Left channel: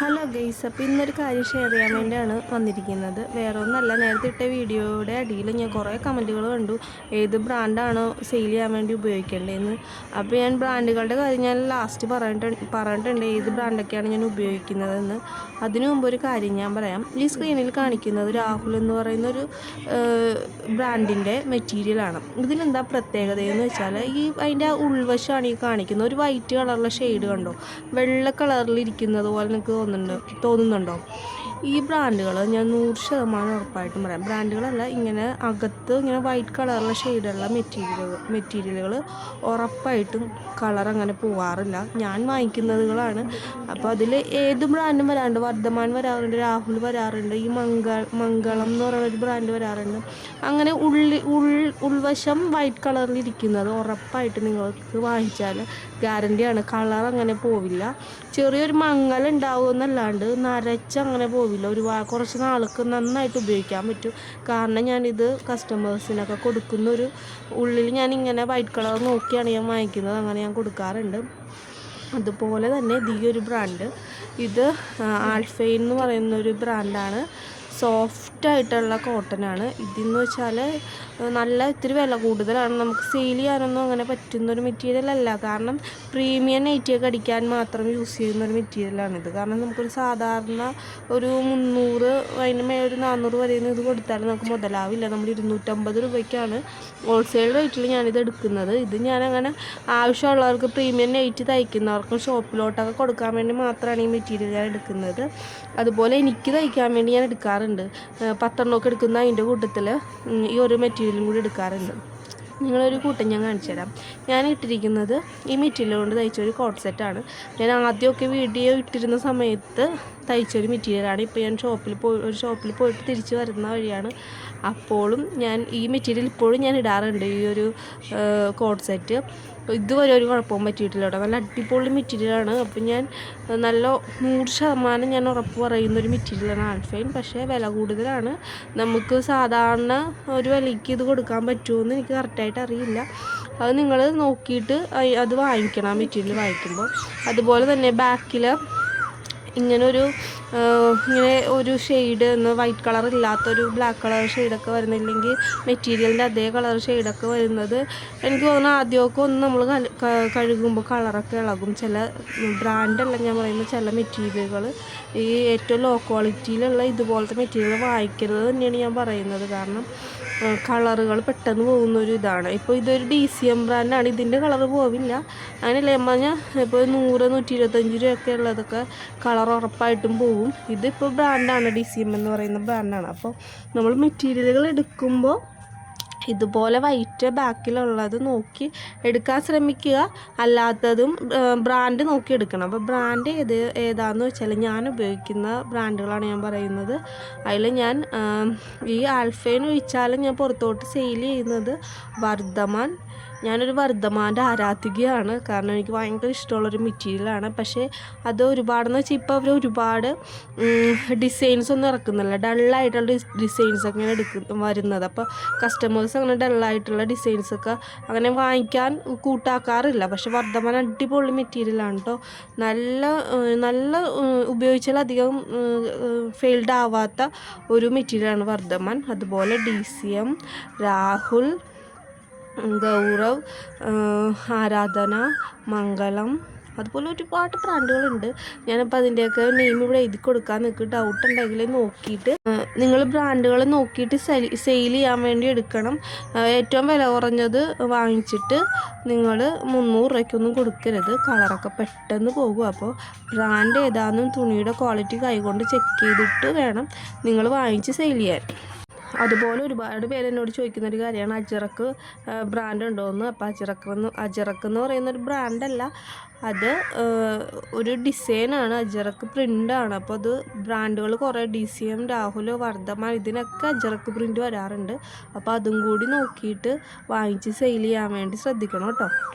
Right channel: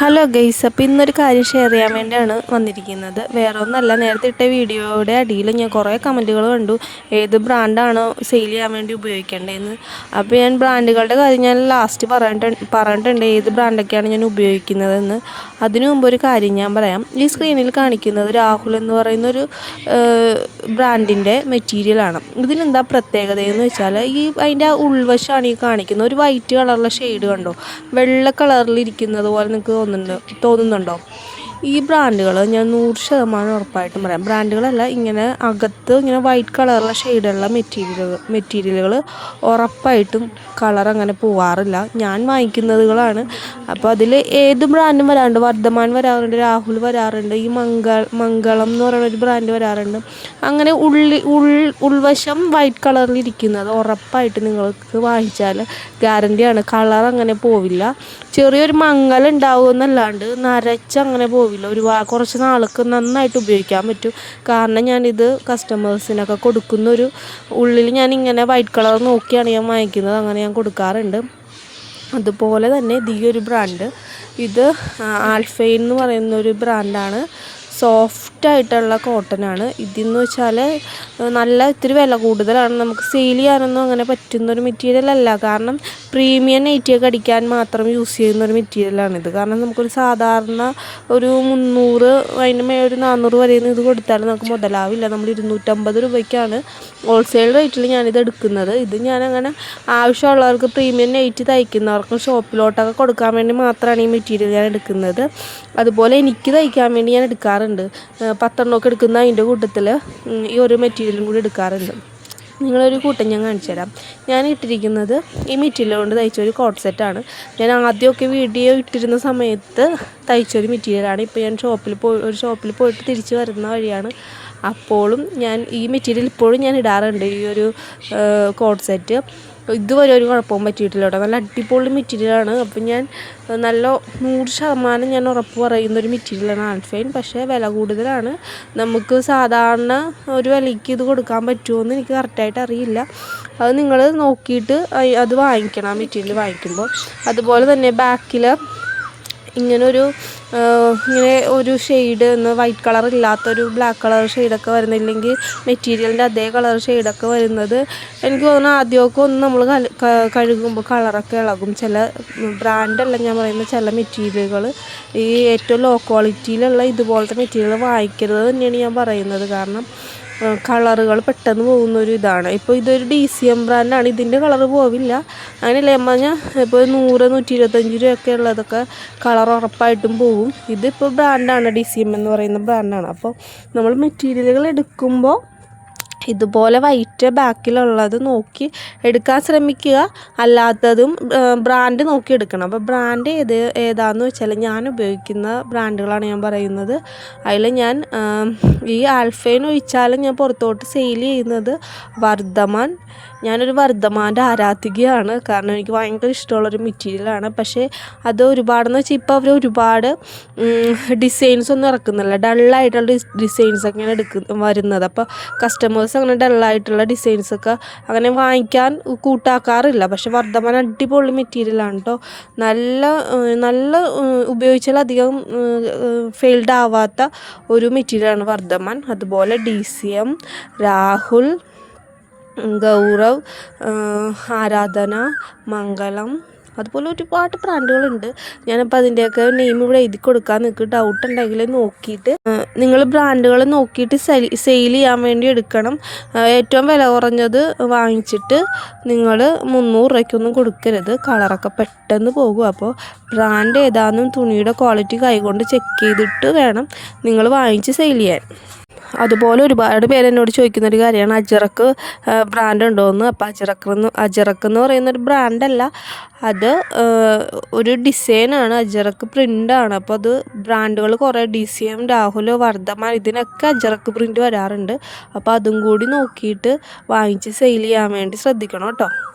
Hello guys അപ്പോൾ ഇന്നൊരു കാര്യം ഷെയർ ചെയ്യാൻ വേണ്ടിയാണ് വന്നിരിക്കുന്നത്. വേറെ ഒന്നല്ല നേരത്തെ ഇട്ട വീഡിയോയുടെ അടിയിൽ ഞാൻ കുറേ കമന്റുകൾ കണ്ടു. ഏത് ബ്രാൻഡാണ് സെയിൽ ചെയ്യാൻ വേണ്ടി ഉപയോഗിക്കേണ്ടതെന്ന്. അപ്പോൾ ഞാൻ ബ്രാൻഡുകളുടെ കാര്യം ഞാൻ ലാസ്റ്റ് പറഞ്ഞിട്ട് പറഞ്ഞിട്ടുണ്ട്. ഏത് ബ്രാൻഡൊക്കെയാണ് ഞാൻ ഉപയോഗിക്കുന്നതെന്ന്. അതിനു മുമ്പ് ഒരു കാര്യം ഞാൻ പറയാം. ഈ സ്ക്രീനിൽ കാണിക്കുന്നത് രാഹുൽ എന്ന് പറയുന്ന ഒരു ബ്രാൻഡിന്റെ മെറ്റീരിയലാണ് ഇതിനെന്താ പ്രത്യേകത എന്ന് വെച്ചാൽ ഈ അതിന്റെ ഉൾവശമാണ് ഈ കാണിക്കുന്നത്. ഒരു വൈറ്റ് കളറിലെ ഷെയ്ഡ് കണ്ടോ? വെള്ള കളറിൽ ഇരിക്കുന്നത് പോലെ നിങ്ങൾക്ക് തോന്നുന്നുണ്ട് തോന്നുന്നുണ്ടോ? ഈ ബ്രാൻഡുകൾ ഞാൻ നൂറ് ശതമാനം ഉറപ്പായിട്ടും പറയാം. ബ്രാൻഡുകളല്ല ഇങ്ങനെ അകത്ത് ഇങ്ങനെ വൈറ്റ് കളറുള്ള ഷെയ്ഡുള്ള മെറ്റീരിയലുകൾ മെറ്റീരിയലുകൾ ഉറപ്പായിട്ടും കളർ അങ്ങനെ പോവാറില്ല. ഞാൻ വാങ്ങിക്കുന്നതുകളാണ്. അപ്പോൾ അതിൽ ഏത് ബ്രാൻഡും വരാറുണ്ട്? വർദ്ധമാൻ വരാറുണ്ട് രാഹുൽ വരാറുണ്ട് ഈ മംഗൾ മംഗളം എന്ന് പറയുന്ന ഒരു ബ്രാൻഡ് വരാറുണ്ട്. അങ്ങനെ ഉള്ളി ഉൾ ഉൾവശം വൈറ്റ് കളറിൽ ഇരിക്കുന്നത് ഉറപ്പായിട്ട് നിങ്ങൾക്ക് വാങ്ങിച്ചാൽ ഗ്യാരണ്ടിയാണ് കളർ അങ്ങനെ പോവില്ല. ചെറിയൊരു മങ്ങൽ ഉണ്ടാവുമെന്നല്ലാണ്ട് നരച്ചങ്ങനെ നരച്ചങ്ങനെ പോവില്ല. ഒരു കുറച്ച് നാൾക്ക് നന്നായിട്ട് ഉപയോഗിക്കാൻ പറ്റും. കാരണം ഞാനിത് കസ്റ്റമേഴ്സിനൊക്കെ കൊടുക്കുന്ന ഒരു ഉള്ളിൽ ഞാൻ ഇങ്ങനെ വൈറ്റ് കളർ നോക്കിയാണ് ഞാൻ വാങ്ങിക്കുന്നത്. അങ്ങനെ ഞാൻ കൊടുക്കാറുണ്ട്. അതുപോലെ തന്നെ ഈ ഒരു ബ്രാൻഡ് ഇത് ആൽഫൈൻ എന്ന് പറയുന്ന ഒരു ബ്രാൻഡാണ് സോഫ്റ്റ് ആയിട്ടുള്ള കോട്ടനാണ്. ഇതെന്ന് വെച്ചാൽ നല്ല ഇത്തിരി വില കൂടുതലാണ്. നമുക്ക് സെയിൽ ചെയ്യാനൊന്നും അങ്ങനെ പറ്റുന്ന ഒരു മെറ്റീരിയൽ അല്ല. കാരണം പ്രീമിയം നെയ്റ്റിയൊക്കെ അടിക്കാൻ മാത്രം യൂസ് ചെയ്യുന്ന ഒരു മെറ്റീരിയലാണിത് കാരണം നമുക്കൊരു സാധാരണ ഒരു മുന്നൂറ് അതിന് മേ ഒരു നാനൂറ് വരെ ഇത് കൊടുത്താൽ നമുക്ക് മുതലാവില്ല. നമ്മൾ ഇരുന്നൂറ്റമ്പത് രൂപയ്ക്കാണ് ഹോൾസെയിൽ റേറ്റിൽ ഞാനിത് എടുക്കുന്നത്. ഇത് ഞാനങ്ങനെ ആവശ്യമുള്ളവർക്ക് പ്രീമിയം നെയ്റ്റ് തയ്ക്കുന്നവർക്ക് ഷോപ്പിലോട്ടൊക്കെ കൊടുക്കാൻ വേണ്ടി മാത്രമാണ് ഈ മെറ്റീരിയൽ ഞാൻ എടുക്കുന്നത്. അതുപോലെ എനിക്ക് തയ്ക്കാൻ വേണ്ടി ഞാൻ എടുക്കാറുണ്ട്. പത്തെണ്ണമൊക്കെ എടുക്കുന്ന അതിന്റെ കൂട്ടത്തിൽ ഈ ഒരു മെറ്റീരിയലും കൂടി എടുക്കാറുണ്ട്. നിങ്ങളൊരു കൂട്ടം ഞാൻ കാണിച്ചു തരാം. ഞാൻ ഇട്ടിരിക്കുന്നത് ഈ മെറ്റീരിയൽ കൊണ്ട് തയ്ച്ചൊരു കോട്ട് സെറ്റാണ് ഞാൻ ആദ്യമൊക്കെ വീഡിയോ ഇട്ടിരുന്ന സമയത്ത് തയ്ച്ചൊരു മെറ്റീരിയലാണ് ഇപ്പോൾ ഞാൻ ഷോപ്പിൽ പോയി ഒരു ഷോപ്പിൽ പോയിട്ട് തിരിച്ച് വരുന്ന വഴിയാണ്. അപ്പോഴും ഞാൻ ഈ മെറ്റീരിയൽ ഇപ്പോഴും ഞാൻ ഇടാറുണ്ട്. ഈ ഒരു കോട്ട് സെറ്റ് ഇതുവരെ ഒരു കുഴപ്പവും പറ്റിയിട്ടില്ല കേട്ടോ. നല്ല അടിപൊളി മെറ്റീരിയലാണ് അപ്പം ഞാൻ നല്ല നൂറ് ശതമാനം ഞാൻ ഉറപ്പ് പറയുന്ന ഒരു മെറ്റീരിയലാണ് ആൽഫൈൻ പക്ഷേ വില കൂടുതലാണ്. നമുക്ക് സാധാരണ ഒരു വിലയ്ക്ക് ഇത് കൊടുക്കാൻ പറ്റുമോ എന്ന് എനിക്ക് കറക്റ്റായിട്ട് അറിയില്ല. അത് നിങ്ങൾ നോക്കിയിട്ട് അത് വാങ്ങിക്കണം മെറ്റീരിയൽ വാങ്ങിക്കുമ്പോൾ അതുപോലെ തന്നെ ബാക്കിൽ ഇങ്ങനൊരു ഇങ്ങനെ ഒരു ഷെയ്ഡ് ഒന്ന് വൈറ്റ് കളർ ഇല്ലാത്തൊരു ബ്ലാക്ക് കളർ ഷെയ്ഡൊക്കെ വരുന്നില്ലെങ്കിൽ മെറ്റീരിയലിന്റെ അതേ കളർ ഷെയ്ഡൊക്കെ വരുന്നത് എനിക്ക് തോന്നുന്നു ആദ്യമൊക്കെ ഒന്ന് നമ്മൾ കഴുകുമ്പോൾ കളറൊക്കെ ഇളകും. ചില ബ്രാൻഡല്ല ഞാൻ പറയുന്നത് ചില മെറ്റീരിയലുകൾ ഈ ഏറ്റവും ലോ ക്വാളിറ്റിയിലുള്ള ഇതുപോലത്തെ മെറ്റീരിയൽ വാങ്ങിക്കരുത് തന്നെയാണ് ഞാൻ പറയുന്നത്. കാരണം കളറുകൾ പെട്ടെന്ന് പോകുന്ന ഒരു ഇതാണ്. ഇപ്പോൾ ഇതൊരു ഡി സി എം ബ്രാൻഡാണ് ഇതിന്റെ കളർ പോവില്ല. അങ്ങനെ പറഞ്ഞാൽ ഇപ്പോൾ നൂറ് നൂറ്റി ഇരുപത്തഞ്ച് രൂപയൊക്കെ ഉള്ളതൊക്കെ കളർ ഉറപ്പായിട്ടും പോവും. ഇതിപ്പോൾ ബ്രാൻഡാണ് ഡി സി എം എന്ന് പറയുന്ന ബ്രാൻഡാണ് അപ്പോൾ നമ്മൾ മെറ്റീരിയലുകൾ എടുക്കുമ്പോൾ ഇതുപോലെ വൈറ്റ് ബാക്കിലുള്ളത് നോക്കി എടുക്കാൻ ശ്രമിക്കുക. അല്ലാത്തതും ബ്രാൻഡ് നോക്കി എടുക്കണം. അപ്പോൾ ബ്രാൻഡ് ഏത് ഏതാണെന്ന് വെച്ചാൽ ഞാൻ ഉപയോഗിക്കുന്ന ബ്രാൻഡുകളാണ് ഞാൻ പറയുന്നത്. അതിൽ ഞാൻ ഈ ആൽഫൈൻ ഒഴിച്ചാലും ഞാൻ പുറത്തോട്ട് സെയിൽ ചെയ്യുന്നത് വർദ്ധമാൻ ഞാനൊരു വർദ്ധമാന്റെ ആരാധികയാണ്. കാരണം എനിക്ക് ഭയങ്കര ഇഷ്ടമുള്ളൊരു മെറ്റീരിയലാണ്. പക്ഷേ അത് ഒരുപാടെന്ന് വെച്ചാൽ ഇപ്പോൾ അവർ ഒരുപാട് ഡിസൈൻസ് ഒന്നും ഇറക്കുന്നില്ല. ഡള്ളായിട്ടുള്ള ഡിസൈൻസ് ഒക്കെയാണ് എടുക്ക വരുന്നത്. അപ്പോൾ കസ്റ്റമേഴ്സ് അങ്ങനെ ഡള്ളായിട്ടുള്ള ഡിസൈൻസൊക്കെ അങ്ങനെ വാങ്ങിക്കാൻ കൂട്ടാക്കാറില്ല. പക്ഷേ വർദ്ധമാൻ അടിപൊളി മെറ്റീരിയലാണ് കേട്ടോ നല്ല നല്ല ഉപയോഗിച്ചാൽ അധികം ഫെയിൽഡ് ആവാത്ത ഒരു മെറ്റീരിയലാണ് വർദ്ധമാൻ. അതുപോലെ D C M Rahul Gaurav Aradhana Mangalam അതുപോലെ ഒരുപാട് ബ്രാൻഡുകളുണ്ട്. ഞാനപ്പോൾ അതിന്റെയൊക്കെ നെയിം ഇവിടെ എഴുതി കൊടുക്കാൻ നിങ്ങൾക്ക് ഡൗട്ട് ഉണ്ടെങ്കിൽ നോക്കിയിട്ട് നിങ്ങൾ ബ്രാൻഡുകൾ നോക്കിയിട്ട് സെയിൽ ചെയ്യാൻ വേണ്ടി എടുക്കണം. ഏറ്റവും വില കുറഞ്ഞത് വാങ്ങിച്ചിട്ട് നിങ്ങൾ മുന്നൂറ് രൂപയ്ക്കൊന്നും കൊടുക്കരുത്. കളറൊക്കെ പെട്ടെന്ന് പോകും. അപ്പോൾ ബ്രാൻഡ് ഏതാണെന്നും തുണിയുടെ ക്വാളിറ്റി കൈകൊണ്ട് ചെക്ക് ചെയ്തിട്ട് വേണം നിങ്ങൾ വാങ്ങിച്ച് സെയിൽ ചെയ്യാൻ. അതുപോലെ ഒരുപാട് പേര് എന്നോട് ചോദിക്കുന്ന ഒരു കാര്യമാണ്. അജറക്ക് ബ്രാൻഡ് ഉണ്ടോ എന്ന് അപ്പോൾ അജറക്ക് എന്ന് അജറക്ക് എന്ന് പറയുന്ന ഒരു ബ്രാൻഡല്ല അത് ഒരു ഡിസൈനാണ് അജറക്ക് പ്രിന്റാണ് അപ്പോൾ അത് ബ്രാൻഡുകൾ കുറേ D C M Rahul Vardhman ഇതിനൊക്കെ അജറക്ക് പ്രിന്റ് വരാറുണ്ട്. അപ്പോൾ അതും കൂടി നോക്കിയിട്ട് വാങ്ങിച്ച് സെയിൽ ചെയ്യാൻ വേണ്ടി ശ്രദ്ധിക്കണം കേട്ടോ.